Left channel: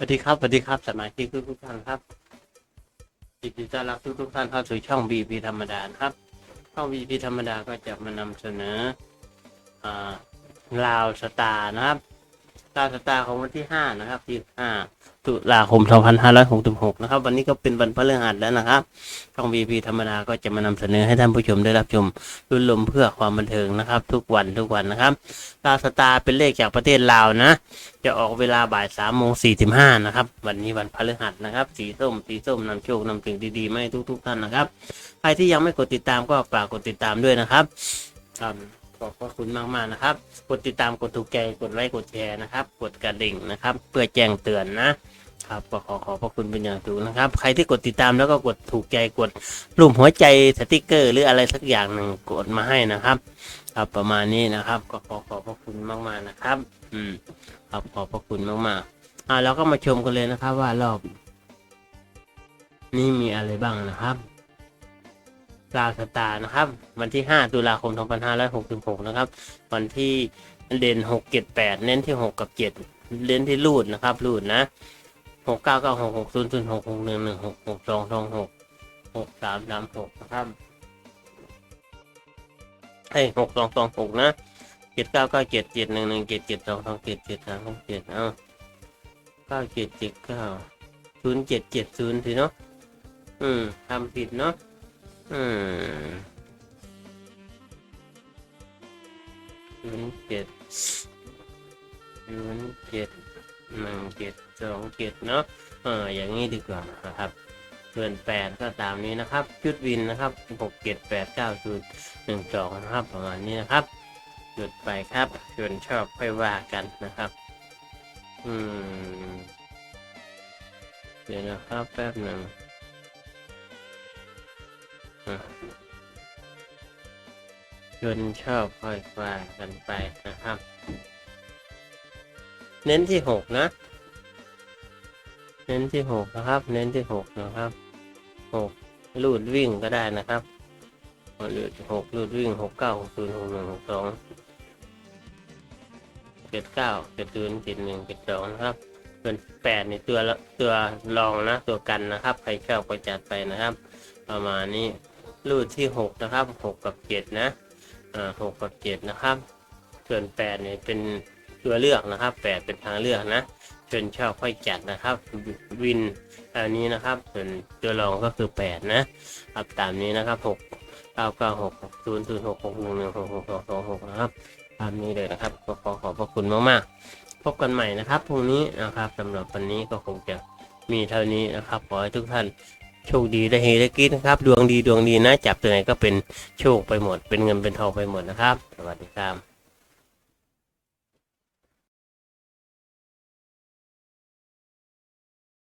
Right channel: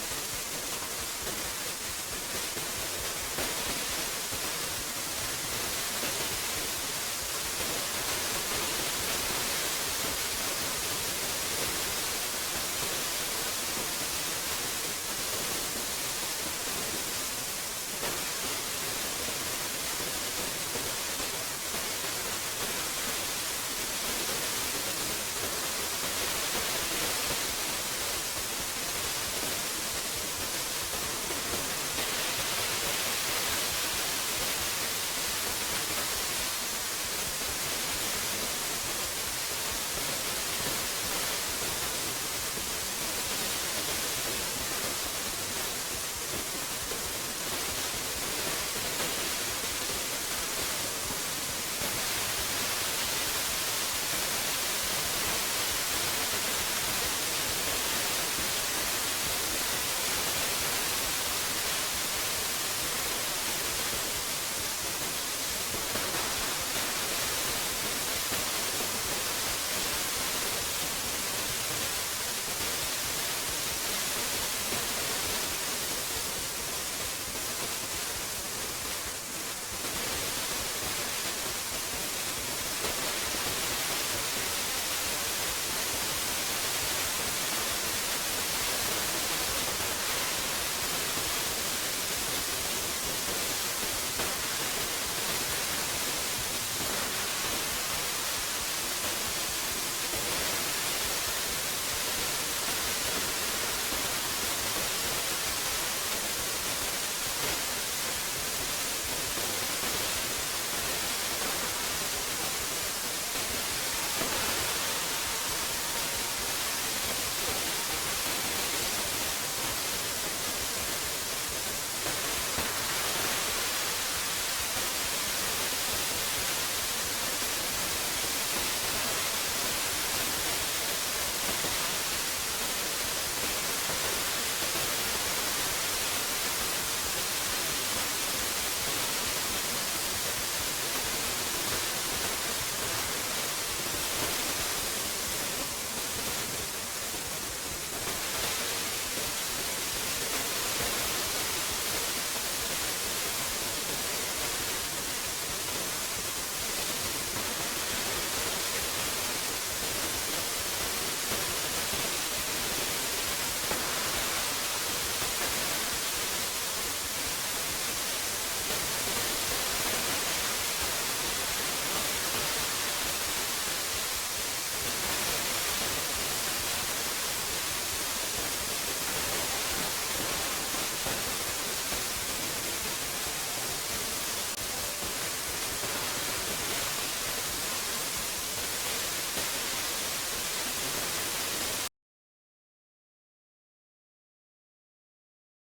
สวัสดีครับสวัสดีครับสมาชิกทุกทุกท่านครับยินดีต้อนรับทุกทุกท่านเข้าสู่ช่อง BP ธรรมดาครับ ช่อง BP ธรรมดาก็จะมานำเสนอลาวสตาร์นะครับลาวสตาร์ของวันที่ 5 นะครับที่5ตุลาคม 2566 นะครับ วันนี้ก็เป็นวันพฤหัสแล้วนะครับ ช่อง BP ธรรมดาก็จะมานำเสนอให้ท่านผู้ชมได้รับชมรุ่นลมเพื่อความบันเทิงนะครับ ทุกวันทุกวันนะครับลาวสตาร์เป็นเลขจากประเทศลาวนะ จะออกเวลาบ่ายสามโมงสี่สิบห้านะครับ วันนี้วันพฤหัสนะครับ สีส้ม สีส้มนำโชคนำสิ่งดีๆมาให้ทุกๆท่านนะครับ ใครที่ยังไม่กดติดตามก็ฝากกดติดตามด้วยนะครับครับขอบพระคุณมากๆนะครับ กดติดตามกดถูกใจกดไลค์กดแชร์นะครับ กดกระดิ่งนะครับ เพื่อแจ้งเตือนนะครับก็ขอขอบพระคุณเป็นอย่างสูงนะครับ ใครที่กดติดตามแล้วก็กดถูกใจกดรูปหัวใจสติกเกอร์ หรืออะไรสักอย่างหนึ่งกดมาให้นะครับ ครับประมาณนี้นะครับ ก็ขอขอบพระคุณมากๆนะครับ อืม ครับขอบพระคุณมากๆอ่าเราก็มาชมกันเลยนะครับว่ารอบนี้มีอะไรบ้างนะครับลาสตานะครับ วันที่ 5 ตุลาคม 2566 นะครับ วันที่เด่น6 7 8 เน้นที่ 6 กับ 7 เน้นที่รูดนะครับรูดนะ 6 9 9 6 6 0 0 6 6 1 1 6 6 2 2 6 6 3 3 6 ครับให้ 6 2 2 6 นะ จ็ดเก้าเก้าเจ็ดเจ็ดหนึ่งหนึ่งเจ็ดเจ็ดสองสองเจ็ดเจ็ดสามหกเจ็ดเอาเก้าเจ็ดเจ็ดเก้าศูนย์เจ็ดเจ็ดศูนย์สิเนาะอืมทำผิดเนาะอืมศูนย์เจ็ดศูนย์เจ็ดหนึ่งเจ็ดสองเจ็ดเนาะเอออย่างนี้ดีกว่านะครับเพื่อนแปดก็ตามนี้นะครับ ชุดวินนะครับหกเจ็ดแปดเก้าศูนย์หนึ่งสองนะครับประมาณนี้นะครับ หยุดไปครับส่วนชอบไปว่ากันนะครับอืมเดี๋ยวนะครับแป๊บหนึ่งอะเพื่อนชอบไปว่ากันไปนะครับ เน้นที่หกนะ เน้นที่หกนะครับ เน้นที่หกนะครับหกลูดวิ่งก็ได้นะครับวันนี้หกลูดวิ่งหกเก้าหกศูนย์หกหนึ่งหกสอง เจ็ดเก้าเจ็ดศูนย์เจ็ดหนึ่งเจ็ดสองครับ ส่วนแปดในตัวละตัวรองนะตัวกันนะครับใครชอบก็จัดไปนะครับประมาณนี้รูดที่หกนะครับหกกับเจ็ดนะอ่าหกกับเจ็ดนะครับ ส่วนแปดเนี่ยเป็นตัวเลือกนะครับแปดเป็นทางเลือกนะเป็นชอบค่อยจัดนะครับวินอันนี้นะครับส่วนตัวรองก็คือแปดนะครับตามนี้นะครับหกเก้าเก้าหกศูนย์ศูนย์หกหกหนึ่งหนึ่งหกหกสองสองหกนะครับ ตามนี้เลยนะครับก็ขอขอบพระคุณมากๆ พบกันใหม่นะครับพรุ่งนี้นะครับสำหรับวันนี้ก็คงจะมีเท่านี้นะครับขอให้ทุกท่านโชคดีได้เฮได้กินนะครับ ดวงดีดวงดีนะจับตัวไหนก็เป็นโชคไปหมด เป็นเงินเป็นทองไปหมดนะครับสวัสดีครับ